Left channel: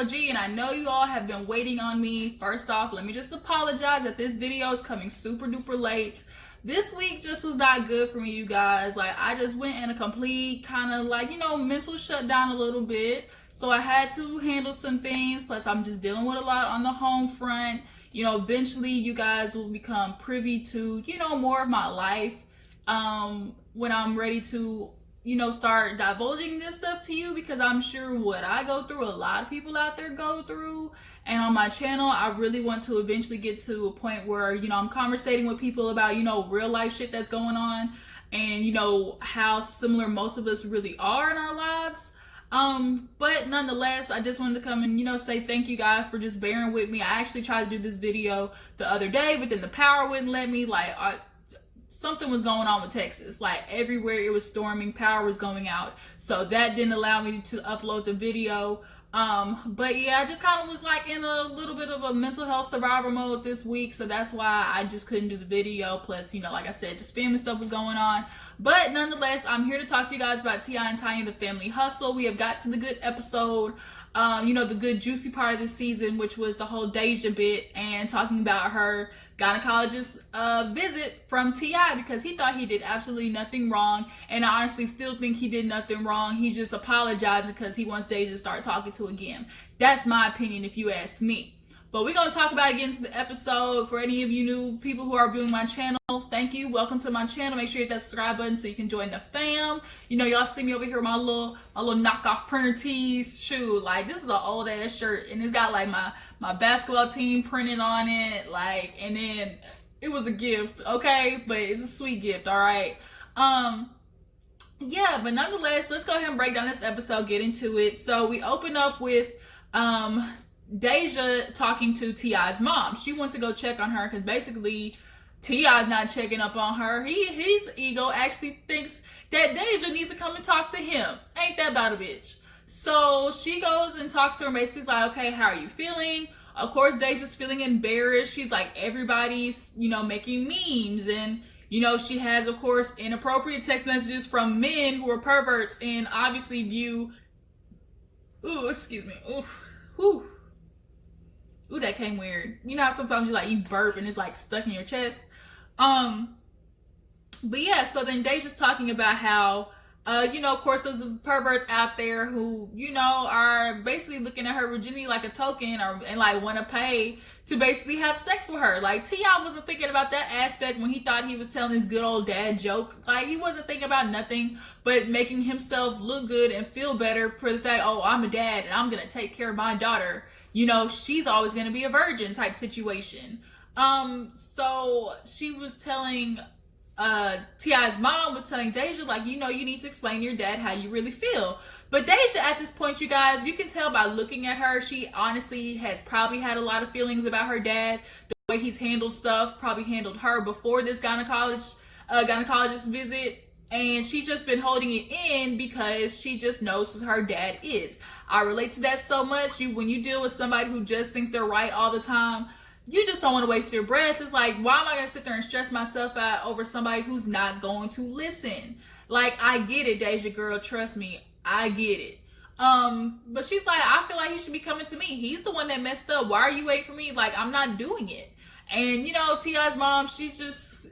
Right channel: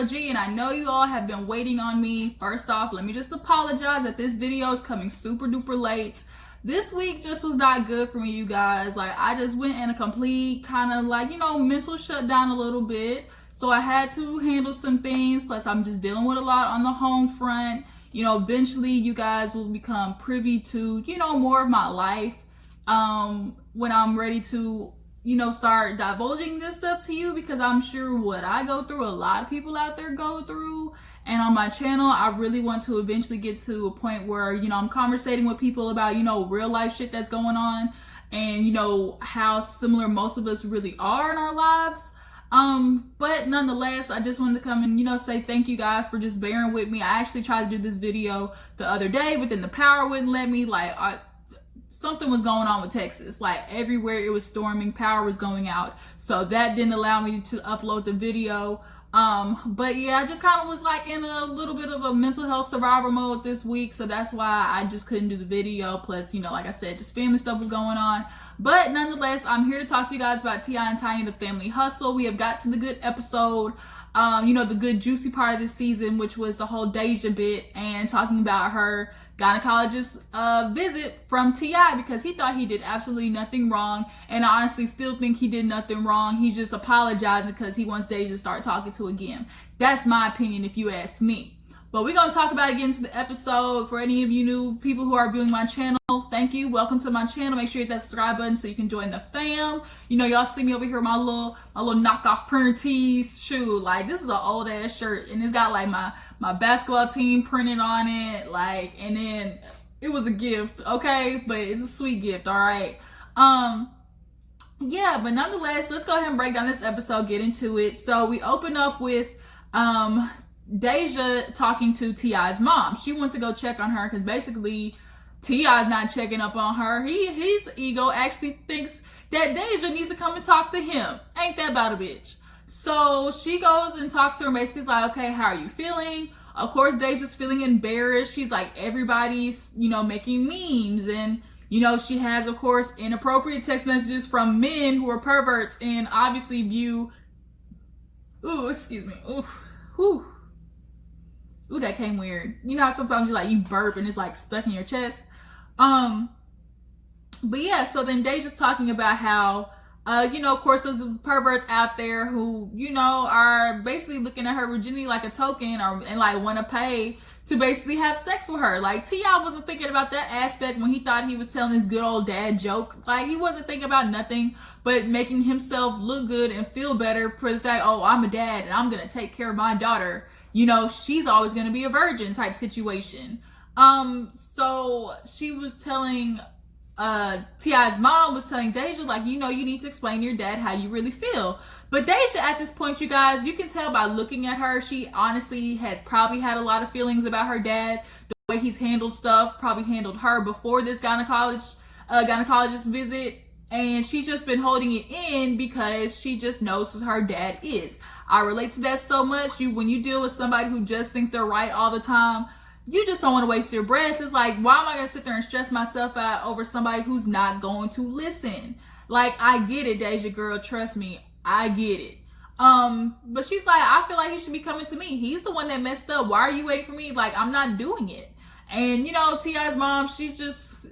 girl G, and I know you all have been waiting on me. First off, let me just apologize that this video is coming super duper late. This week just was not good for me, you guys. Like, I just went in a complete kind of like, mental shutdown a little bit. So I had to handle some things. Plus, I'm just dealing with a lot on the home front. Eventually you guys will become privy to, more of my life when I'm ready to start divulging this stuff to you, because I'm sure what I go through, a lot of people out there go through. And on my channel, I really want to eventually get to a point where, I'm conversating with people about, real life shit that's going on, and, how similar most of us really are in our lives. But nonetheless, I just wanted to come and, say thank you guys for just bearing with me. I actually tried to do this video the other day, but then the power wouldn't let me. Something was going on with Texas. Like, everywhere it was storming, power was going out. So that didn't allow me to upload the video. But yeah, I just kind of was like in a little bit of a mental health survivor mode this week. So that's why I just couldn't do the video. Plus, like I said, just family stuff was going on. But nonetheless, I'm here to talk to you guys about Ti&Tiny, the family hustle. We have got to the good episode, the good juicy part of this season, which was the whole Deja bit and talking about her gynecologist visit from T.I. because he thought he did absolutely nothing wrong, and I honestly still think he did nothing wrong. He's just apologizing because he wants Deja to start talking to again. That's my opinion if you ask me. But we're going to talk about it again to the episode. For any of you new people who are viewing my channel, thank you. Welcome to my channel. Make sure you hit that subscribe button so you can join the fam. Y'all see me over here with my little knockoff printer tees. Shoot, like, this is an old ass shirt, and it's got like my basketball team printed on it. Like, and then it was a gift, okay? But it's a sweet gift, all right? Yeah, but nonetheless, let's go ahead and break down this episode, get into it. So we open up with Deja talking to T.I.'s mom. She wants to go check on her because basically T.I.'s not checking up on her. His ego actually thinks that Deja needs to come and talk to him. Ain't that about a bitch? So she goes and talks to her, basically like, okay, how are you feeling? Of course, Deja's feeling embarrassed. She's like, everybody's, making memes. And, she has, of course, inappropriate text messages from men who are perverts and obviously view... Ooh, excuse me. Ooh, whew. Ooh, that came weird. You know how sometimes you burp and it's like stuck in your chest? But yeah, so then Deja's talking about how, of course, there's perverts out there who, are basically looking at her virginity like a token and want to pay to basically have sex with her. Like, T.I. wasn't thinking about that aspect when he thought he was telling his good old dad joke. Like, he wasn't thinking about nothing but making himself look good and feel better for the fact, oh, I'm a dad and I'm going to take care of my daughter. She's always going to be a virgin type situation. So she was telling... T.I.'s mom was telling Deja, like, you need to explain to your dad how you really feel. But Deja, at this point, you guys, you can tell by looking at her, she honestly has probably had a lot of feelings about her dad. The way he's handled stuff, probably handled her before this gynecologist visit. And she's just been holding it in because she just knows who her dad is. I relate to that so much. When you deal with somebody who just thinks they're right all the time, you just don't want to waste your breath. It's like, why am I going to sit there and stress myself out over somebody who's not going to listen? Like, I get it, Deja girl. Trust me. I get it. But she's like, I feel like he should be coming to me. He's the one that messed up. Why are you waiting for me? Like, I'm not doing it. And, T.I.'s mom, she's just,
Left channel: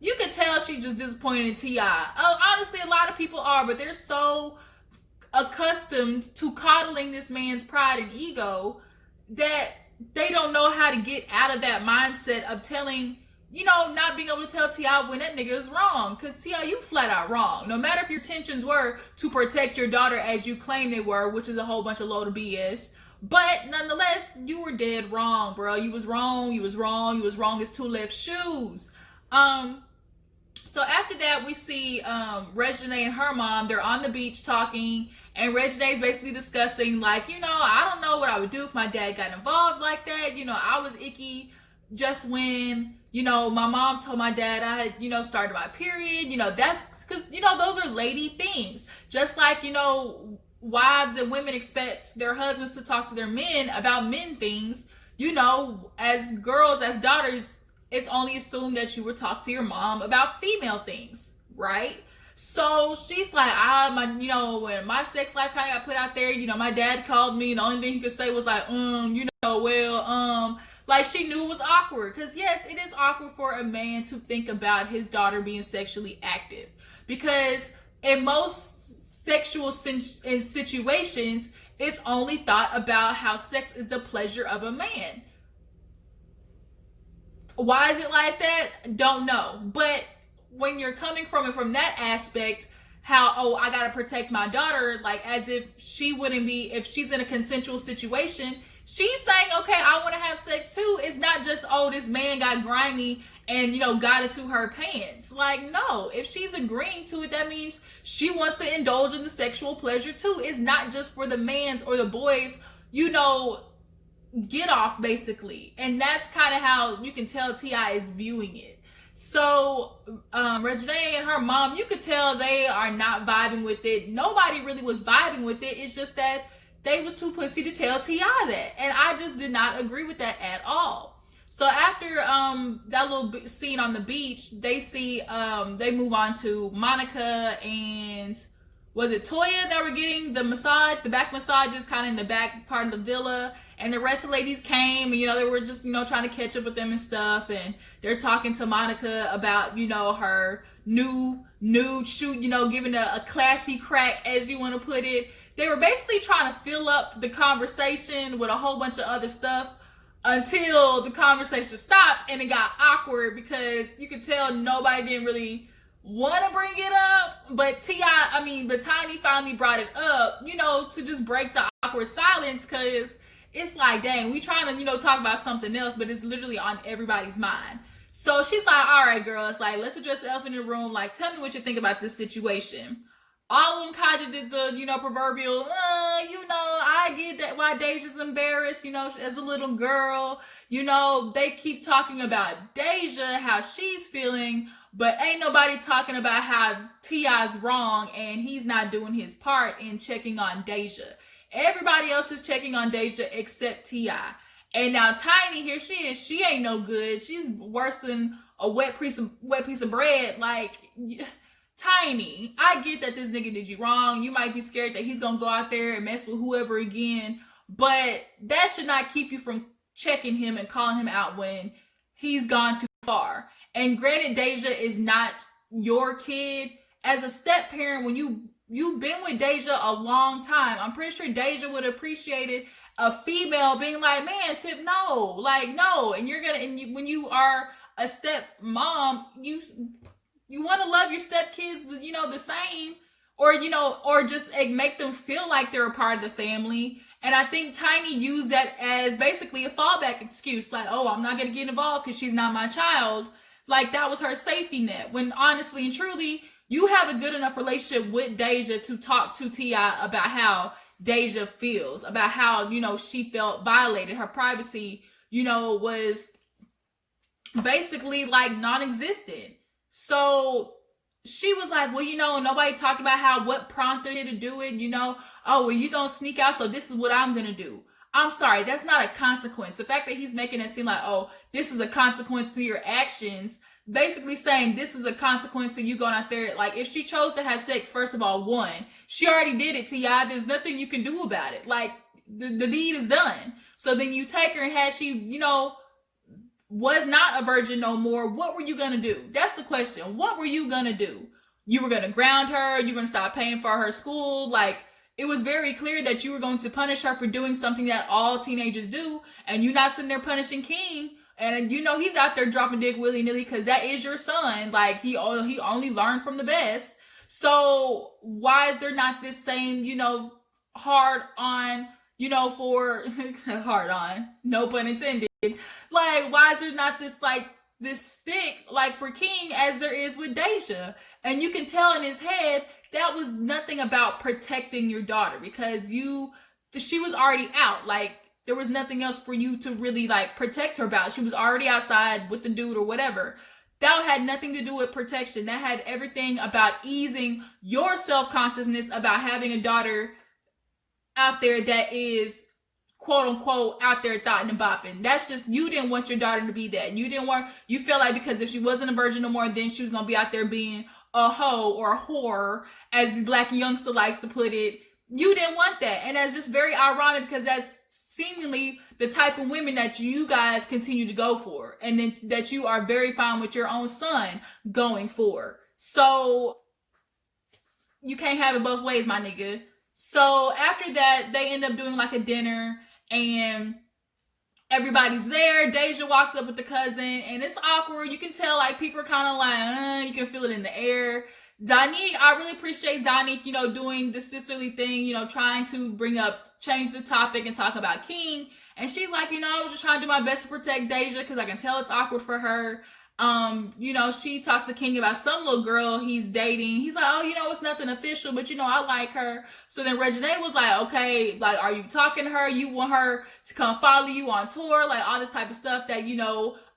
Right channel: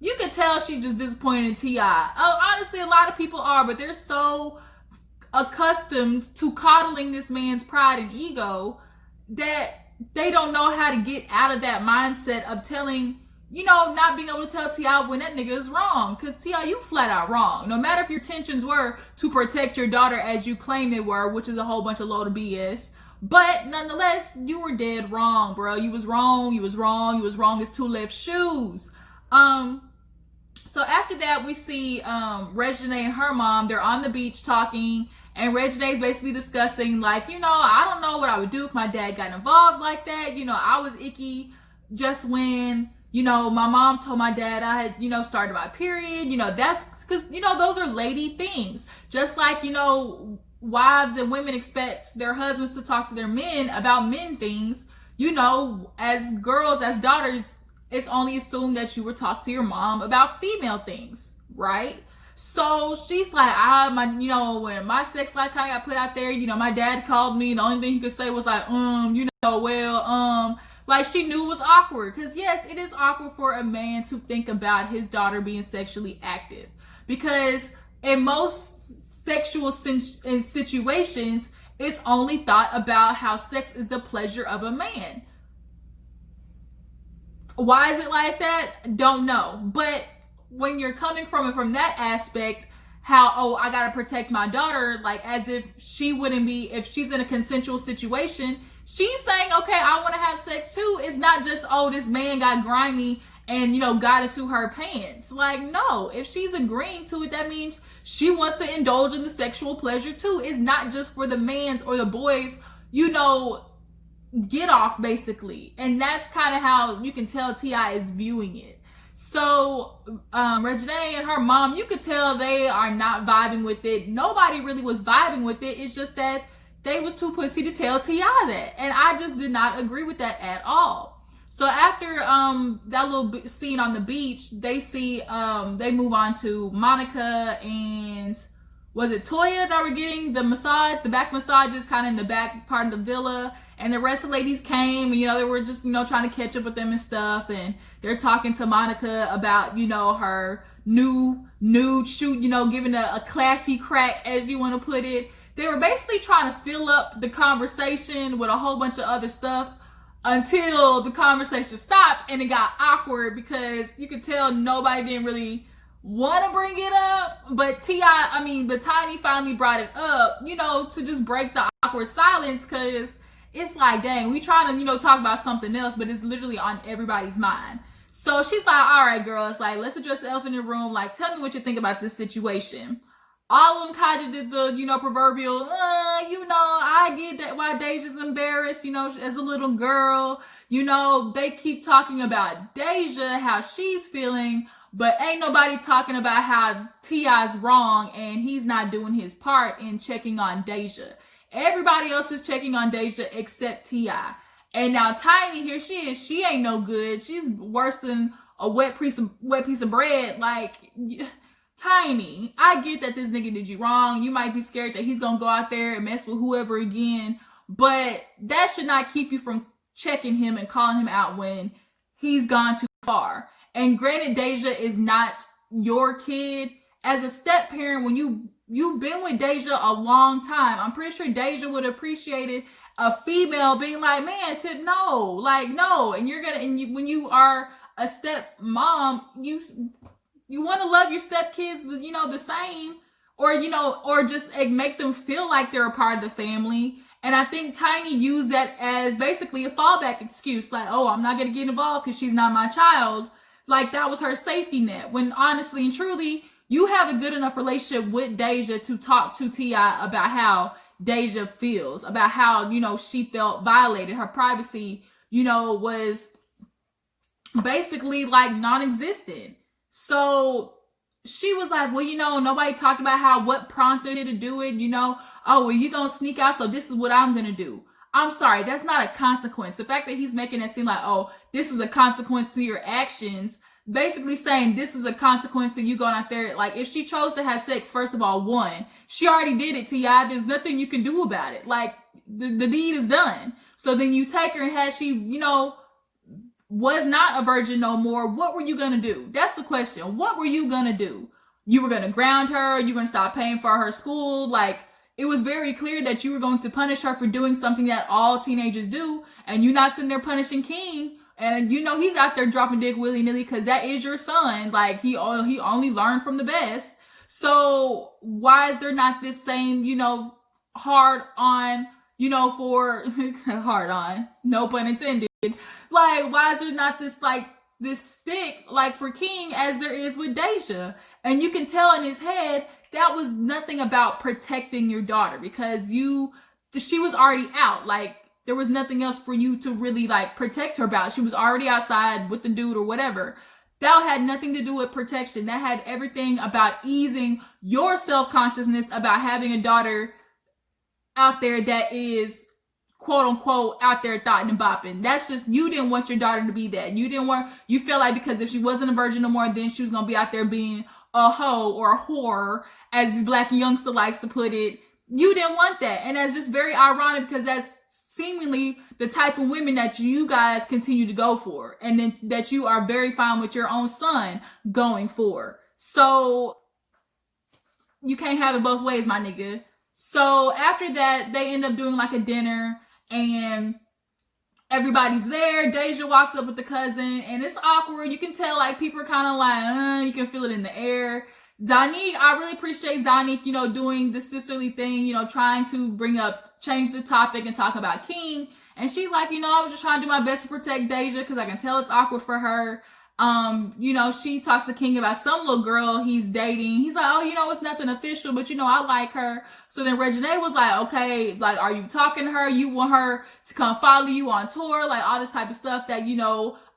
you could tell she's just disappointed in T.I. Honestly, a lot of people are, but they're so accustomed to coddling this man's pride and ego that they don't know how to get out of that mindset of telling, not being able to tell T.I. when that nigga is wrong. Because T.I., you flat out wrong. No matter if your intentions were to protect your daughter as you claim they were, which is a whole bunch of load of BS. But nonetheless, you were dead wrong, bro. You was wrong. You was wrong. You was wrong as two left shoes. So after that, we see Reginae and her mom. They're on the beach talking. And Reginae's basically discussing, like, I don't know what I would do if my dad got involved like that. I was icky just when, my mom told my dad I had, started my period. That's because, those are lady things. Just like, wives and women expect their husbands to talk to their men about men things. As girls, as daughters, it's only assumed that you would talk to your mom about female things, right? So she's like, when my sex life kind of got put out there, my dad called me. The only thing he could say was like, like she knew it was awkward. Because yes, it is awkward for a man to think about his daughter being sexually active. Because in most sexual situations, it's only thought about how sex is the pleasure of a man. Why is it like that? Don't know. But when you're coming from it from that aspect, how, I gotta protect my daughter, like as if she wouldn't be, if she's in a consensual situation, she's saying, okay, I want to have sex too. It's not just, this man got grimy and got into her pants. Like, no, if she's agreeing to it, that means she wants to indulge in the sexual pleasure too. It's not just for the man's or the boys, get off, basically. And that's kind of how you can tell T.I. is viewing it. So Reginae and her mom, you could tell they are not vibing with it. Nobody really was vibing with it. It's just that they was too pussy to tell T.I. that. And I just did not agree with that at all. So after that little scene on the beach, they see, they move on to Monica and, was it Toya that were getting the massage, the back massages kind of in the back part of the villa. And the rest of the ladies came and, they were just, trying to catch up with them and stuff. And they're talking to Monica about, her new shoot, giving a classy crack, as you want to put it. They were basically trying to fill up the conversation with a whole bunch of other stuff until the conversation stopped and it got awkward because you could tell nobody didn't really want to bring it up. But Tiny finally brought it up, to just break the awkward silence, because it's like, dang, we trying to, talk about something else, but it's literally on everybody's mind. So she's like, all right, girl, it's like, let's address the elephant in the room. Like, tell me what you think about this situation. All of them kind of did the, proverbial, I get that why Deja's embarrassed, as a little girl. They keep talking about Deja, how she's feeling, but ain't nobody talking about how T.I.'s wrong and he's not doing his part in checking on Deja. Everybody else is checking on Deja except T.I. And now Tiny, here she is. She ain't no good. She's worse than a wet piece of bread. Like, Tiny, I get that this nigga did you wrong. You might be scared that he's gonna go out there and mess with whoever again, but that should not keep you from checking him and calling him out when he's gone too far. And granted, Deja is not your kid. As a step parent, when you've been with Deja a long time, I'm pretty sure Deja would have appreciated a female being like, man, Tip, no. And when you are a step mom, you want to love your stepkids, the same, or just make them feel like they're a part of the family. And I think Tiny used that as basically a fallback excuse. Like, I'm not going to get involved because she's not my child. Like, that was her safety net. When honestly and truly, you have a good enough relationship with Deja to talk to T.I. about how Deja feels, about how, she felt violated. Her privacy, was basically like non-existent. So she was like, well, nobody talked about what prompted her to do it. You gonna sneak out, so this is what I'm gonna do. I'm sorry, that's not a consequence. The fact that he's making it seem like, this is a consequence to your actions, basically saying this is a consequence to you going out there. Like, if she chose to have sex, first of all, one, she already did it, T.I. There's nothing you can do about it. Like, the deed is done. So then you take her, and had she, was not a virgin no more, what were you gonna do? That's the question. What were you gonna do? You were gonna ground her? You were gonna stop paying for her school? Like, it was very clear that you were going to punish her for doing something that all teenagers do, and you're not sitting there punishing King. And he's out there dropping dick willy-nilly because that is your son. Like, he only learned from the best. So why is there not this same, hard on, for hard on, no pun intended. Like, why is there not this stick, like, for King as there is with Deja? And you can tell in his head that was nothing about protecting your daughter, because she was already out. Like, there was nothing else for you to really, protect her about. She was already outside with the dude or whatever. That had nothing to do with protection. That had everything about easing your self-consciousness about having a daughter out there that is, quote unquote, out there thotting and bopping. That's just, you didn't want your daughter to be that. You felt like because if she wasn't a virgin no more, then she was going to be out there being a hoe or a whore, as Black Youngster likes to put it. You didn't want that. And that's just very ironic because that's seemingly the type of women that you guys continue to go for. And then that you are very fine with your own son going for. So you can't have it both ways, my nigga. So after that, they end up doing like a dinner and everybody's there. Deja walks up with the cousin and it's awkward. You can tell like people are kind of like, you can feel it in the air. Zanique, I really appreciate Zanique, doing the sisterly thing, trying to change the topic and talk about King. And she's like, I was just trying to do my best to protect Deja because I can tell it's awkward for her. She talks to King about some little girl he's dating. He's like, it's nothing official, but I like her. So then Reginae was like, okay, like, are you talking to her? You want her to come follow you on tour? Like all this type of stuff that,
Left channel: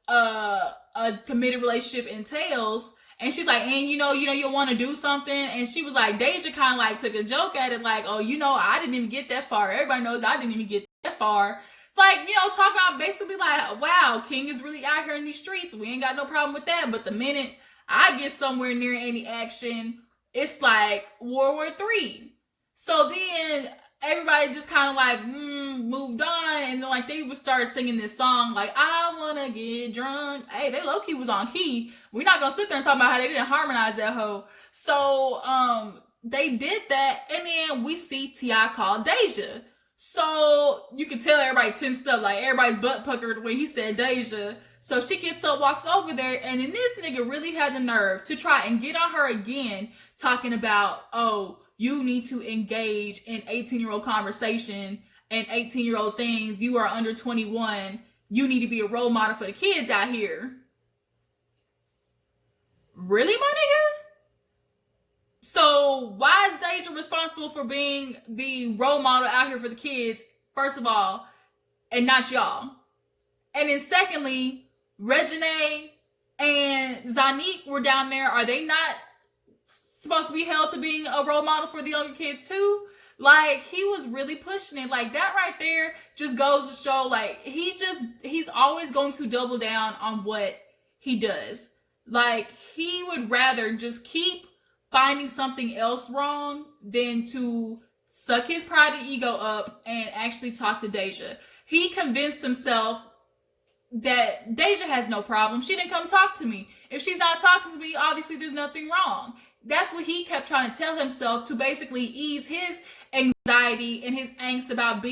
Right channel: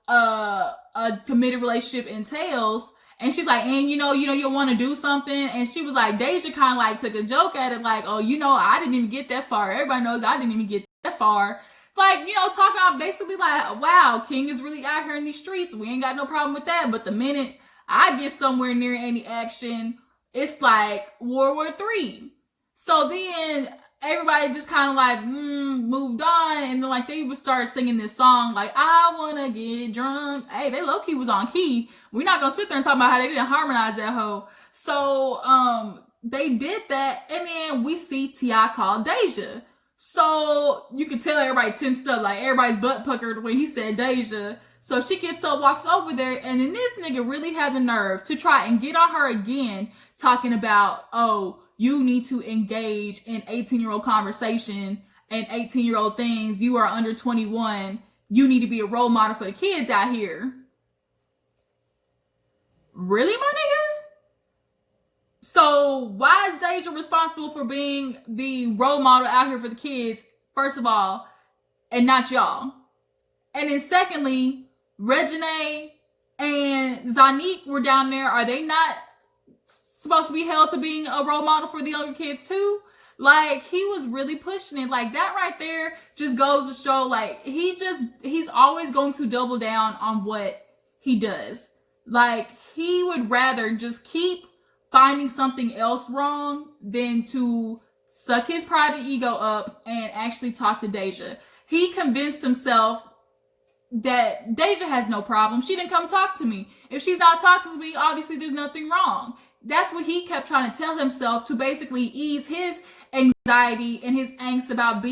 a committed relationship entails. And she's like, and you want to do something. And she was like, Deja kind of like took a joke at it. Like, I didn't even get that far. Everybody knows I didn't even get that far. Like, talking about basically like, wow, King is really out here in these streets. We ain't got no problem with that. But the minute I get somewhere near any action, it's like World War III. So then everybody just kind of like moved on. And then like they would start singing this song like, I want to get drunk. Hey, they low-key was on key. We're not going to sit there and talk about how they didn't harmonize that hoe. So they did that. And then we see T.I. call Deja. So you can tell everybody tensed up, like everybody's butt puckered when he said Deja. So she gets up, walks over there, and then this nigga really had the nerve to try and get on her again, talking about, you need to engage in 18-year-old conversation and 18-year-old things. You are under 21. You need to be a role model for the kids out here. Really, my nigga? So why is Deja responsible for being the role model out here for the kids, first of all, and not y'all? And then secondly, Reginae and Zanique were down there. Are they not supposed to be held to being a role model for the younger kids too? Like, he was really pushing it. Like, that right there just goes to show, like, he's always going to double down on what he does. Like, he would rather just keep finding something else wrong than to suck his pride and ego up and actually talk to Deja. He convinced himself that Deja has no problem. She didn't come talk to me. If she's not talking to me, obviously there's nothing wrong. That's what he kept trying to tell himself to basically ease his anxiety and his angst about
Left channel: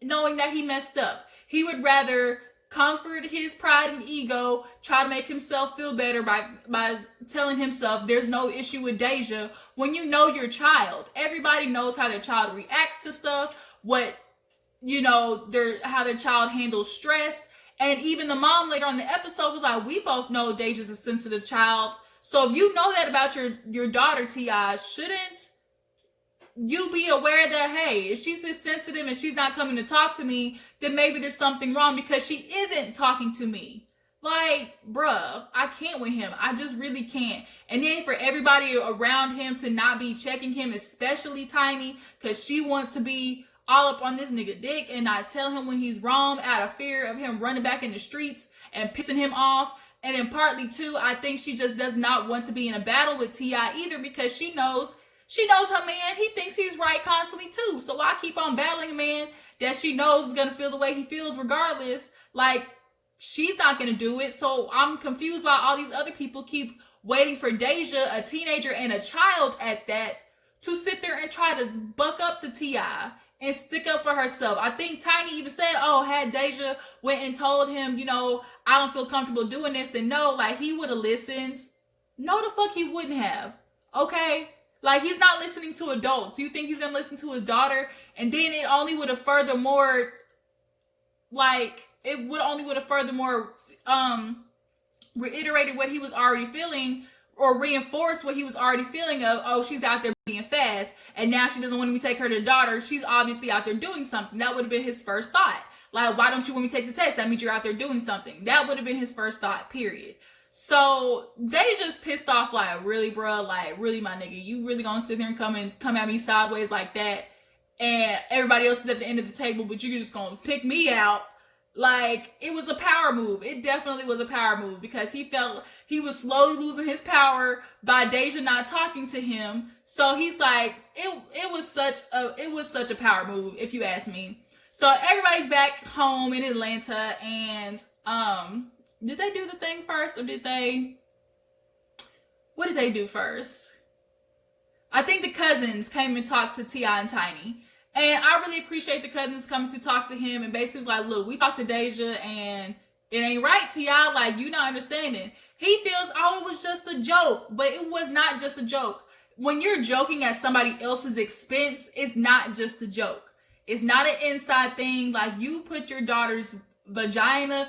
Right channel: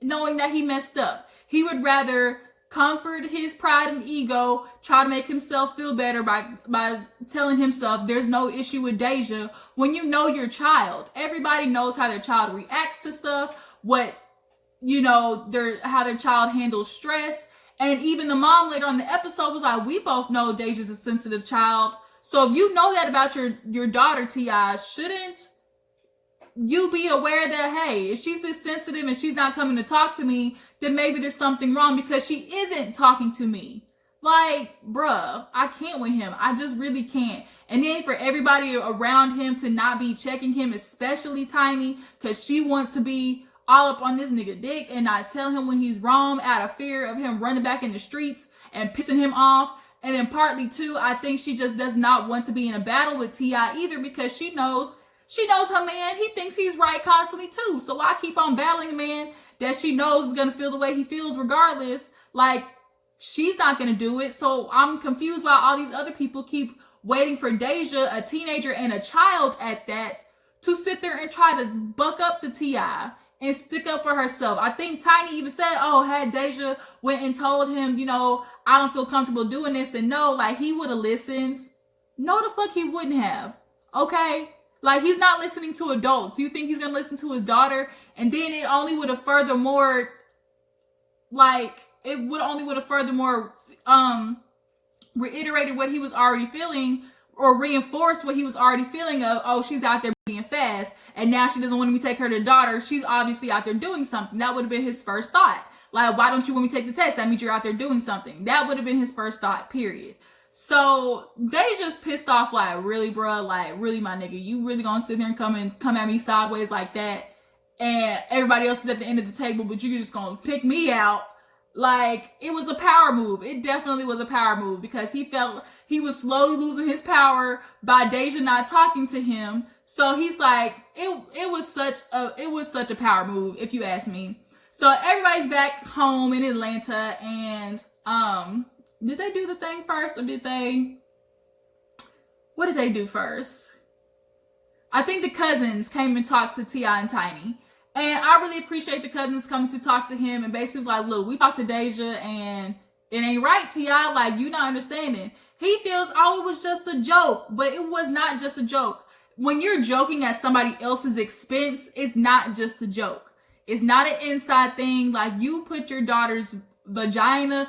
knowing that he messed up. He would rather comfort his pride and ego, try to make himself feel better by telling himself there's no issue with Deja when you know your child. Everybody knows how their child reacts to stuff, how their child handles stress. And even the mom later on in the episode was like, we both know Deja's a sensitive child. So if you know that about your daughter, T.I., shouldn't you be aware that, hey, if she's this sensitive and she's not coming to talk to me, then maybe there's something wrong because she isn't talking to me. Like, bruh, I can't with him. I just really can't. And then for everybody around him to not be checking him, especially Tiny, because she wants to be all up on this nigga dick and not tell him when he's wrong out of fear of him running back in the streets and pissing him off. And then partly too, I think she just does not want to be in a battle with T.I. either because she knows her man, he thinks he's right constantly too. So why keep on battling a man that she knows is going to feel the way he feels regardless? Like, she's not going to do it. So I'm confused why all these other people keep waiting for Deja, a teenager and a child at that, to sit there and try to buck up the T.I. and stick up for herself. I think Tiny even said, had Deja went and told him, I don't feel comfortable doing this, and no, like, he would have listened. No, the fuck he wouldn't have. Okay? Like, he's not listening to adults. You think he's going to listen to his daughter? And then it only would have furthermore, reiterated what he was already feeling, or reinforced what he was already feeling of, she's out there being fast, and now she doesn't want me to take her to daughter. She's obviously out there doing something. That would have been his first thought. Like, why don't you want me to take the test? That means you're out there doing something. That would have been his first thought, period. So Deja's pissed off, like, really, bro, like, really, my nigga, you really gonna sit there and come at me sideways like that, and everybody else is at the end of the table, but you just gonna pick me out? Like, it was a power move. It definitely was a power move because he felt he was slowly losing his power by Deja not talking to him. So he's like, it was such a power move, if you ask me. So everybody's back home in Atlanta, and did they do the thing first, or what did they do first? I think the cousins came and talked to T.I. and Tiny. And I really appreciate the cousins coming to talk to him and basically like, look, we talked to Deja and it ain't right, T.I. Like, you not understanding. He feels, oh, it was just a joke. But it was not just a joke. When you're joking at somebody else's expense, it's not just a joke. It's not an inside thing. Like, you put your daughter's vaginal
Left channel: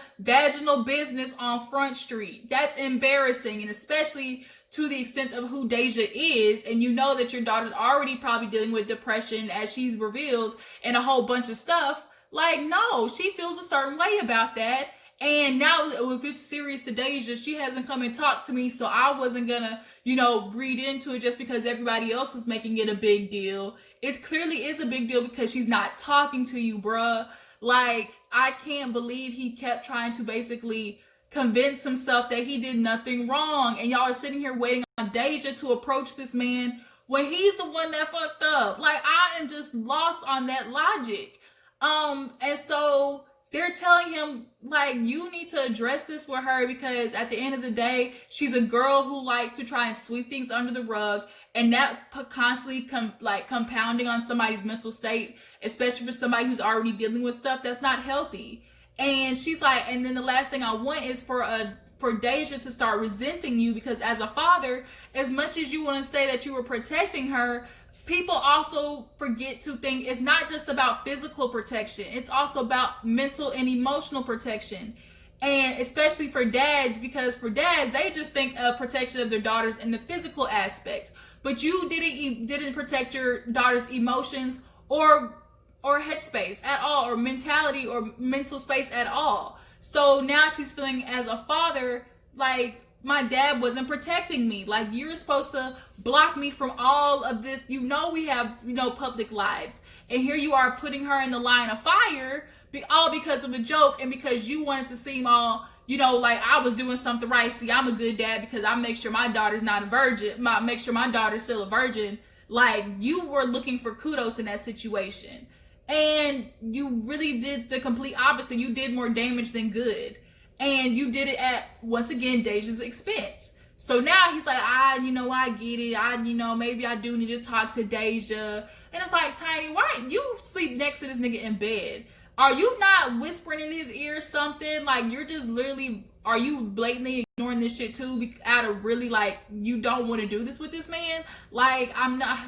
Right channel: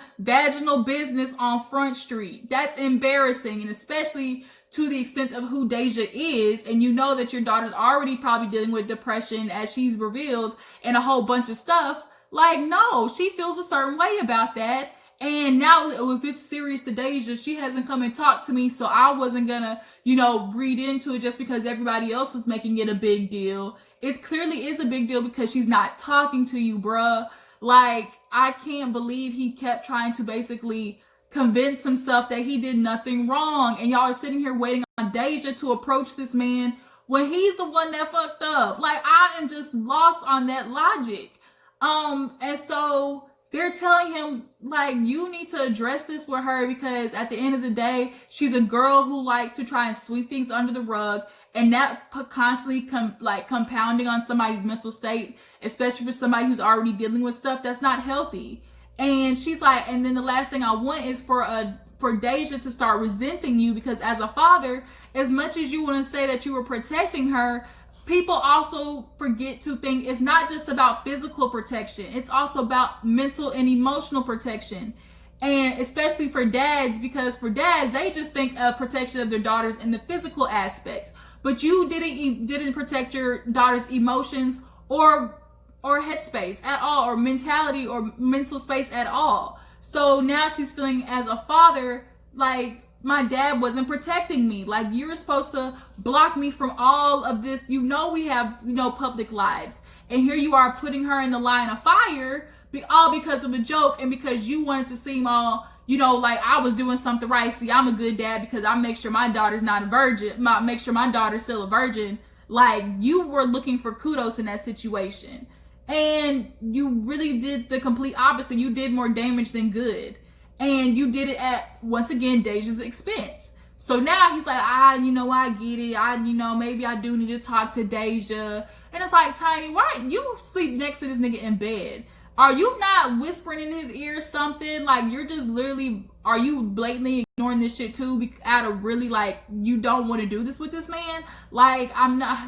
business on Front Street. That's embarrassing. And especially to the extent of who Deja is, and you know that your daughter's already probably dealing with depression, as she's revealed, and a whole bunch of stuff. Like, no, she feels a certain way about that. And now, if it's serious to Deja, she hasn't come and talked to me, so I wasn't gonna, read into it just because everybody else was making it a big deal. It clearly is a big deal because she's not talking to you, bruh. Like, I can't believe he kept trying to basically convince himself that he did nothing wrong, and y'all are sitting here waiting on Deja to approach this man when he's the one that fucked up. Like, I am just lost on that logic. And so they're telling him, like, you need to address this with her because at the end of the day, she's a girl who likes to try and sweep things under the rug, and that constantly compounding on somebody's mental state, especially for somebody who's already dealing with stuff that's not healthy. And she's like, and then the last thing I want is for Deja to start resenting you, because as a father, as much as you want to say that you were protecting her, people also forget to think it's not just about physical protection. It's also about mental and emotional protection. And especially for dads, because for dads, they just think of protection of their daughters in the physical aspects. But you didn't protect your daughter's emotions or headspace at all, or mentality or mental space at all. So now she's feeling as a father, like, my dad wasn't protecting me. Like, you're supposed to block me from all of this. We have, public lives. And here you are putting her in the line of fire, all because of a joke and because you wanted to seem all, like I was doing something right. See, I'm a good dad because I make sure my daughter's not a virgin. Make sure my daughter's still a virgin. Like, you were looking for kudos in that situation. And you really did the complete opposite. You did more damage than good. And you did it at, once again, Deja's expense. So now he's like, I get it. Maybe I do need to talk to Deja. And it's like, Tiny, why you sleep next to this nigga in bed? Are you not whispering in his ear something? Like, you're just literally, are you blatantly ignoring this shit too? Out of really, like, you don't want to do this with this man? Like,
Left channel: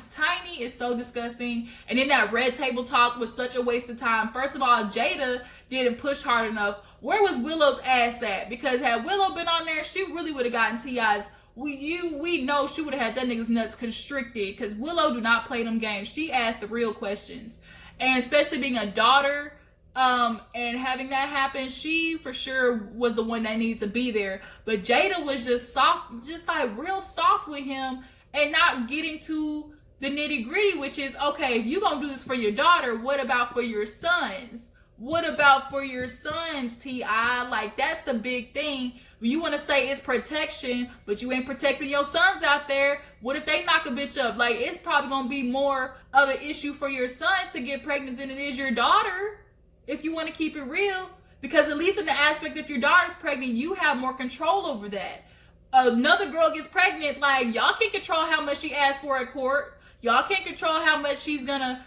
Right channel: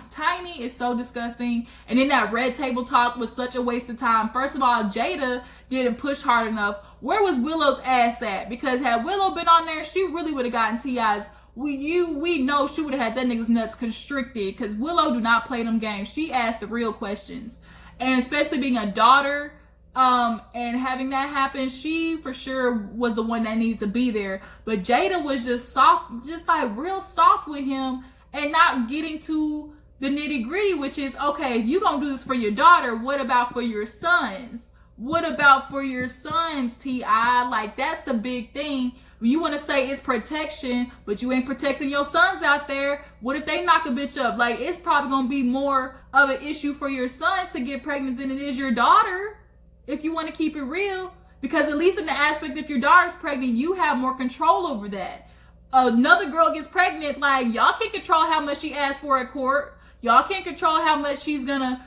Tiny is so disgusting. And then that red table talk was such a waste of time. First of all, Jada didn't push hard enough. Where was Willow's ass at? Because had Willow been on there, she really would have gotten T.I.'s. We know she would have had that nigga's nuts constricted, because Willow do not play them games. She asked the real questions. And especially being a daughter, and having that happen, she for sure was the one that needed to be there. But Jada was just soft, just like real soft with him, and not getting to the nitty gritty, which is, okay, if you gonna do this for your daughter, what about for your sons? What about for your sons, T.I.? Like, that's the big thing. You want to say it's protection, but you ain't protecting your sons out there. What if they knock a bitch up? Like, it's probably gonna be more of an issue for your sons to get pregnant than it is your daughter, if you want to keep it real. Because at least in the aspect, if your daughter's pregnant, you have more control over that. Another girl gets pregnant, like, y'all can't control how much she asks for at court. Y'all can't control how much she's gonna,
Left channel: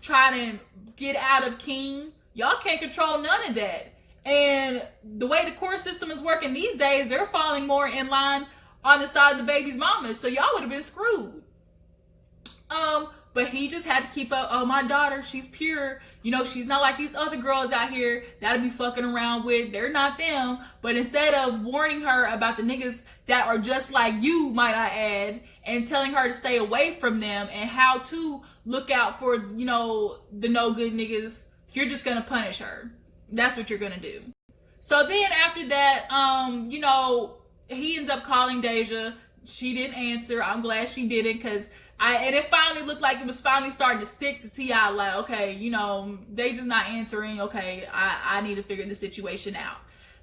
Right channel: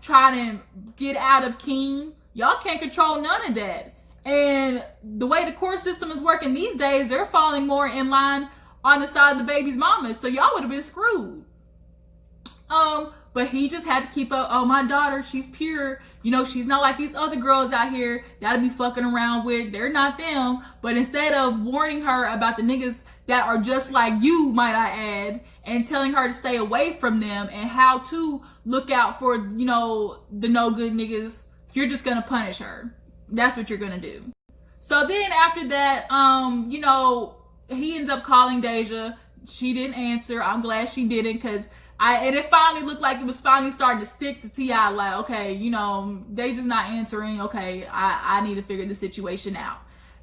try to get out of King. Y'all can't control none of that. And the way the court system is working these days, they're falling more in line on the side of the baby's mama. So y'all would have been screwed. But he just had to keep up. Oh, my daughter, she's pure. She's not like these other girls out here that'll be fucking around with. They're not them. But instead of warning her about the niggas that are just like you, might I add, and telling her to stay away from them and how to look out for, the no good niggas, you're just gonna punish her. That's what you're gonna do. So then after that, he ends up calling Deja. she didn't answer. I'm glad she didn't, because and it finally looked like it was finally starting to stick to T.I. Like, okay, they just not answering. Okay, I need to figure the situation out.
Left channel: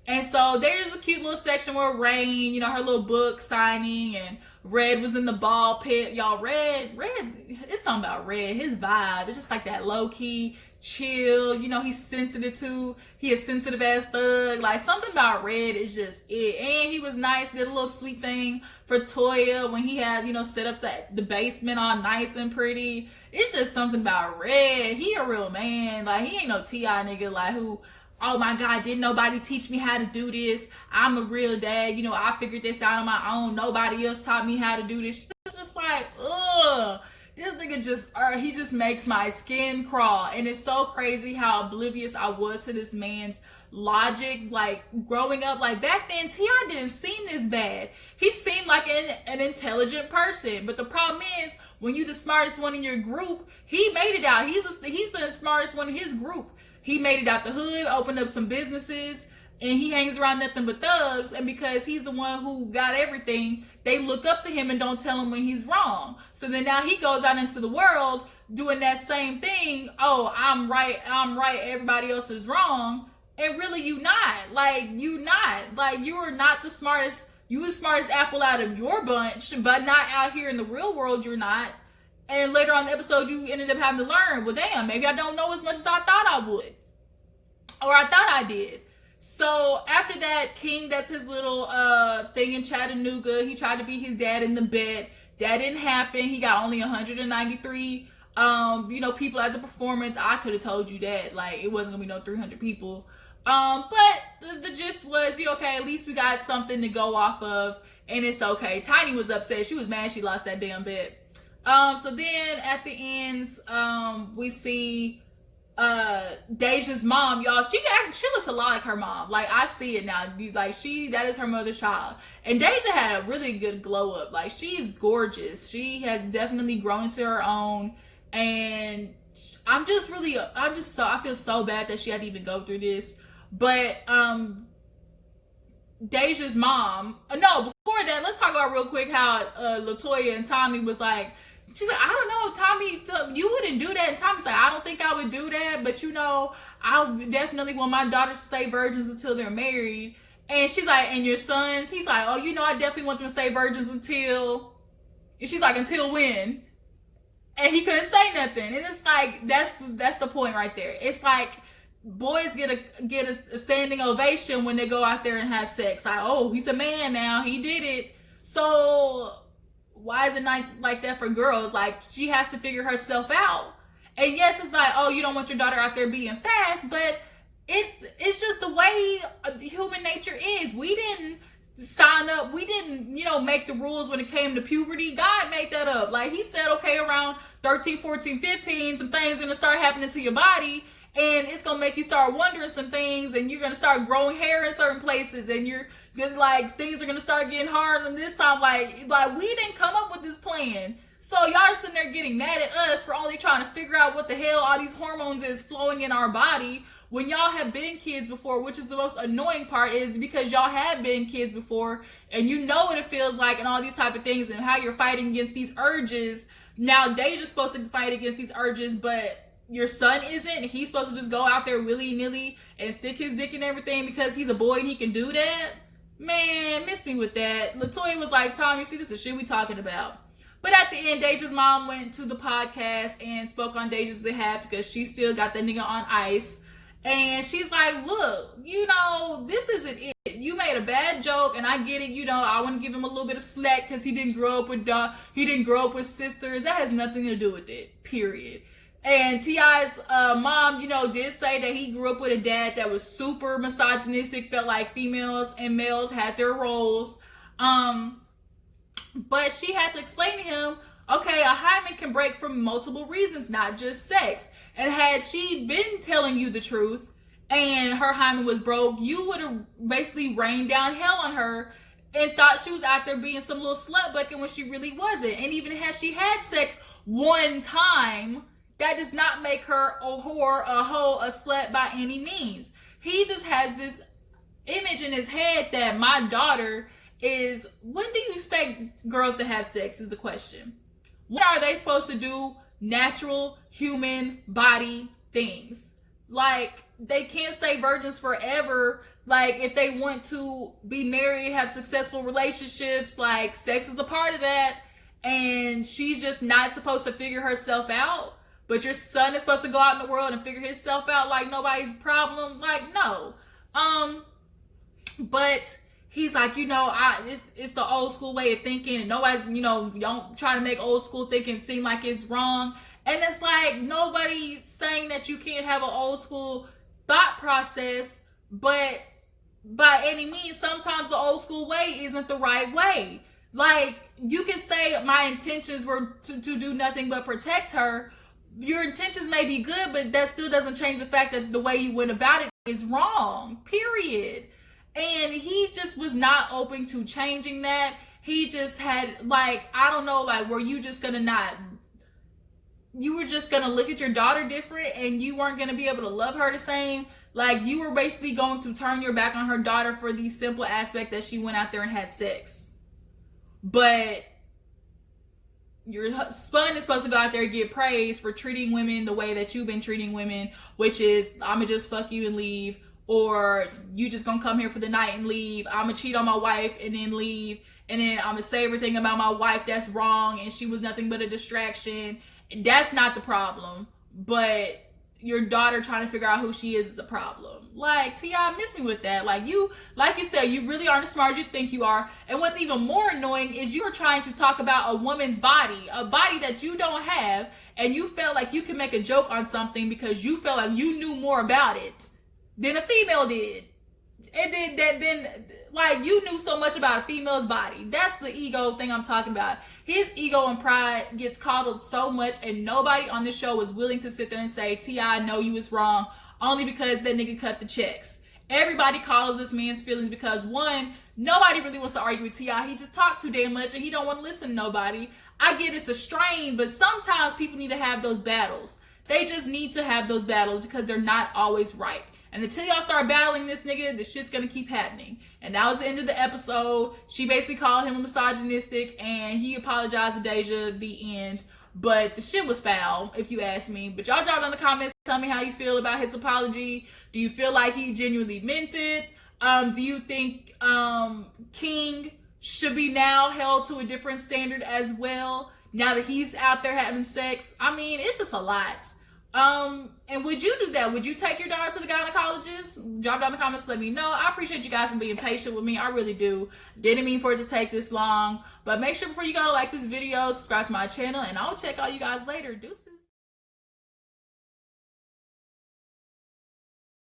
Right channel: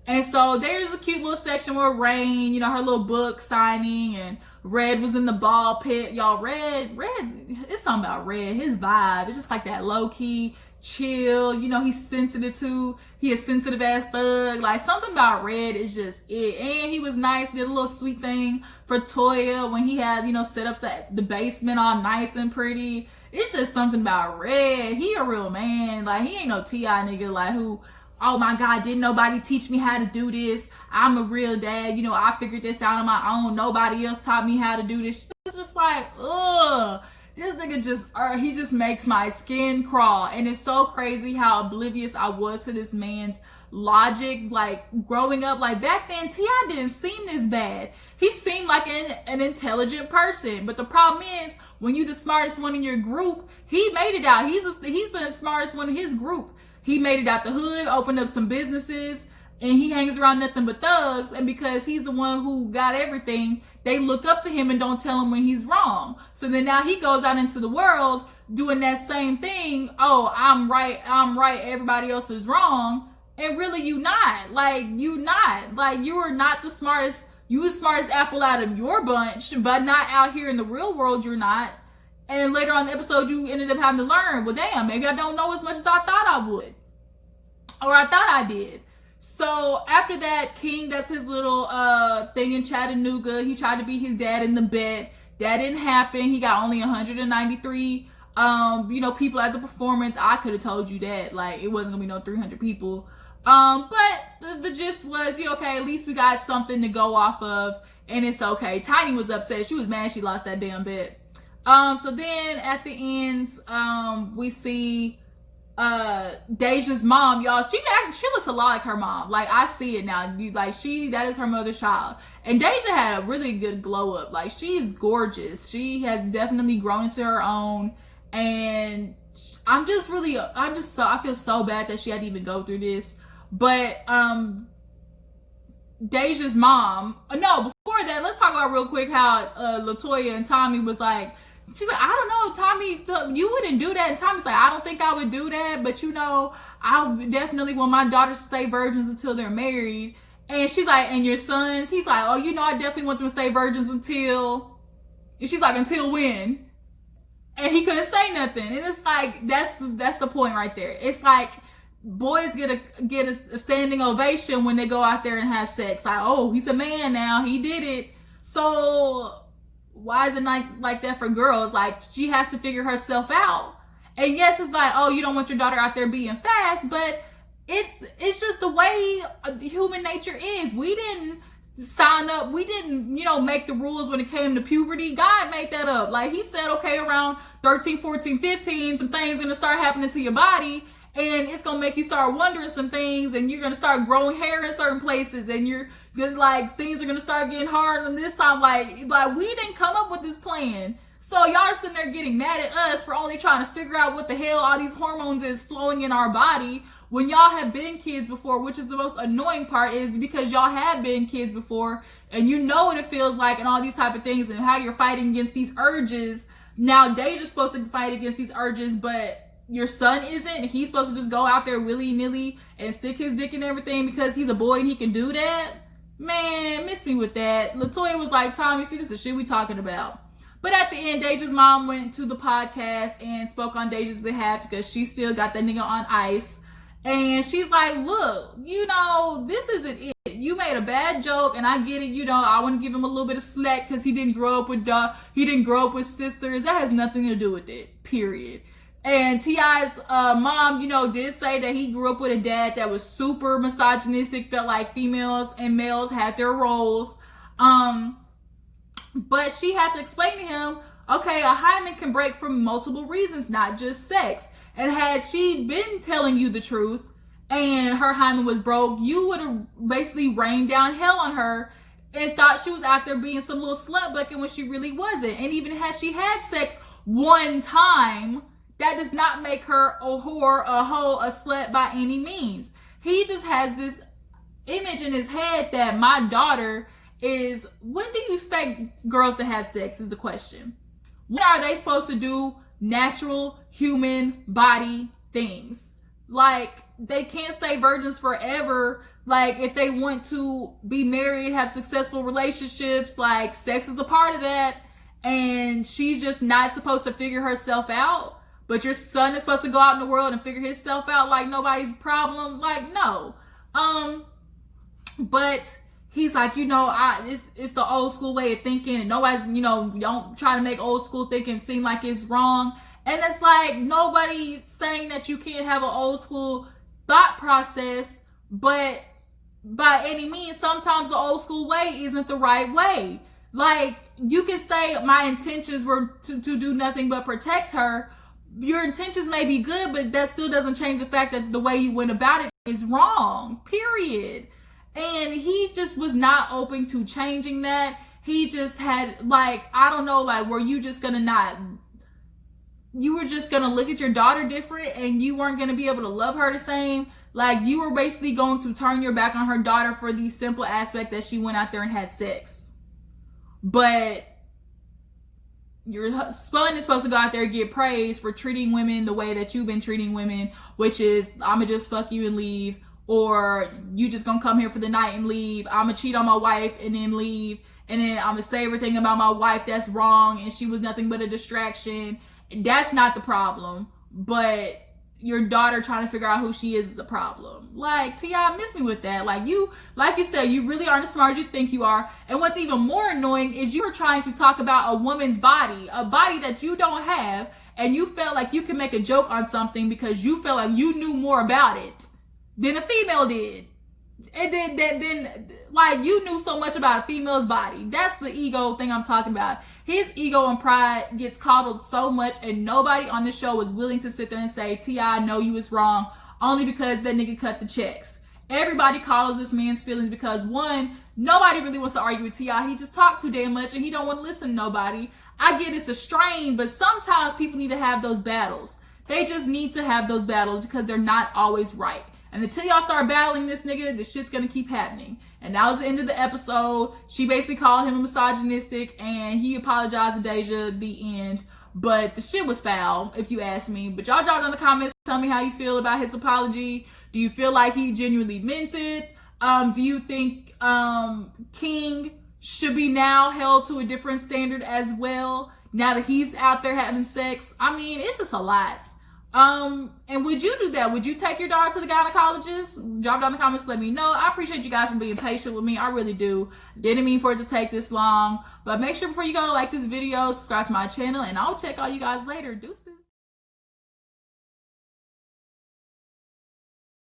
And so there's a cute little section where Rain, her little book signing, and Red was in the ball pit. Y'all, it's something about Red. His vibe, it's just like that low key, chill. He's sensitive too. He a sensitive ass thug. Like, something about Red is just it. And he was nice. Did a little sweet thing for Toya when he had, set up the basement all nice and pretty. It's just something about Red. He a real man. Like, he ain't no T.I. nigga like who, oh my God, didn't nobody teach me how to do this? I'm a real dad. I figured this out on my own. Nobody else taught me how to do this. It's just like, ugh. This nigga he just makes my skin crawl. And it's so crazy how oblivious I was to this man's logic. Like, growing up, like back then, T.I. didn't seem this bad. He seemed like an intelligent person. But the problem is, when you the smartest one in your group, he made it out. He's the smartest one in his group. He made it out the hood, opened up some businesses, and he hangs around nothing but thugs. And because he's the one who got everything, they look up to him and don't tell him when he's wrong. So then now he goes out into the world doing that same thing. Oh, I'm right, everybody else is wrong. And really, you not. Like, you are not the smartest. You the smartest apple out of your bunch, but not out here in the real world, you're not. And later on in the episode, you ended up having to learn, well, damn, maybe I don't know as much as I thought I would. Or I thought I did. So after that, King, that's his little thing in Chattanooga. He tried to be his dad in the bet. That didn't happen. He got only 193 people at the performance. I could have told you that. Like, it wasn't gonna be no 300 people. But the gist was, okay, at least we got something to go off of, and it's okay. Tiny was upset. She was mad she lost that damn bet. So then at the end, we see Deja's mom, y'all. She looks a lot like her mom. Like, I see it now. That is her mother's child. And Deja had a really good glow up. Like, she is gorgeous. She has definitely grown into her own. And I feel so bad that she had to even go through this. But Deja's mom, no, before that, let's talk about real quick how LaToya and Tommy was like, she's like, I don't know, Tommy, you wouldn't do that. And Tommy's like, I don't think I would do that, but I definitely want my daughters to stay virgins until they're married. And she's like, and your sons? He's like, oh, I definitely want them to stay virgins until, and she's like, until when? And he couldn't say nothing. And it's like, that's the point right there. It's like, boys get a standing ovation when they go out there and have sex. Like, oh, he's a man now, he did it. So why is it not like that for girls? Like, she has to figure herself out. And yes, it's like, oh, you don't want your daughter out there being fast, but it's just the way human nature is. We didn't sign up. We didn't, make the rules when it came to puberty. God made that up. Like, he said, okay, around 13, 14, 15, some things going to start happening to your body. And it's going to make you start wondering some things. And you're going to start growing hair in certain places. And things are going to start getting hard. And this time, like we didn't come up with this plan. So y'all sitting there getting mad at us for only trying to figure out what the hell all these hormones is flowing in our body when y'all have been kids before, which is the most annoying part, is because y'all have been kids before and you know what it feels like and all these type of things and how you're fighting against these urges. Now, Deja's supposed to fight against these urges, but your son isn't. He's supposed to just go out there willy-nilly and stick his dick in everything because he's a boy and he can do that? Man, miss me with that. LaToya was like, Tommy, see, this is shit we talking about. But at the end, Deja's mom went to the podcast and spoke on Deja's behalf because she still got that nigga on ice. And she's like, look, this isn't it. You made a bad joke, and I get it. I want to give him a little bit of slack because he didn't grow up with sisters. That has nothing to do with it, period. And T.I.'s mom, did say that he grew up with a dad that was super misogynistic, felt like females and males had their roles. But she had to explain to him, okay, a hymen can break for multiple reasons, not just sex. And had she been telling you the truth and her hymen was broke, you would have basically rained down hell on her and thought she was out there being some little slut bucket when she really wasn't. And even had she had sex one time, that does not make her a whore, a hoe, a slut by any means. He just has this image in his head that my daughter is, when do you expect girls to have sex is the question. When are they supposed to do natural human body things? Like, they can't stay virgins forever. Like, if they want to be married, have successful relationships, like, sex is a part of that. And she's just not supposed to figure herself out. But your son is supposed to go out in the world and figure himself out like nobody's problem. Like, no. But he's like, it's the old school way of thinking, and nobody's, don't try to make old school thinking seem like it's wrong. And it's like, nobody saying that you can't have an old school thought process, but by any means, sometimes the old school way isn't the right way. Like, you can say my intentions were to do nothing but protect her. Your intentions may be good, but that still doesn't change the fact that the way you went about it is wrong, period. And he just was not open to changing that. He just had, like, I don't know, like, were you just gonna you were just gonna look at your daughter different and you weren't gonna be able to love her the same? Like, you were basically going to turn your back on her daughter for the simple aspect that she went out there and had sex. But your son is supposed to go out there and get praise for treating women the way that you've been treating women, which is, I'ma just fuck you and leave, or you just gonna come here for the night and leave. I'ma cheat on my wife and then leave, and then I'ma say everything about my wife that's wrong and she was nothing but a distraction. That's not the problem, but your daughter trying to figure out who she is a problem. Like, T.I. miss me with that. Like you said, you really aren't as smart as you think you are. And what's even more annoying is you were trying to talk about a woman's body, a body that you don't have, and you felt like you can make a joke on something because you felt like you knew more about it than a female did. And then like, you knew so much about a female's body. That's the ego thing I'm talking about. His ego and pride gets coddled so much, and nobody on this show was willing to sit there and say, T.I., know you was wrong, only because that nigga cut the checks. Everybody coddles this man's feelings because, one, nobody really wants to argue with T.I. He just talked too damn much and he don't want to listen to nobody. I get it's a strain, but sometimes people need to have those battles. They just need to have those battles because they're not always right. And until y'all start battling this nigga, this shit's gonna keep happening. And that was the end of the episode. She basically called him misogynistic and he apologized to Deja at the end. But the shit was foul, if you ask me. But y'all drop down in the comments, tell me how you feel about his apology. Do you feel like he genuinely meant it? Do you think King should be now held to a different standard as well, now that he's out there having sex? I mean, it's just a lot. And would you do that? Would you take your daughter to the gynecologist? Drop down in the comments, let me know. I appreciate you guys for being patient with me. I really do. Didn't mean for it to take this long. But make sure before you go to like this video, subscribe to my channel, and I'll check all you guys later. Deuces.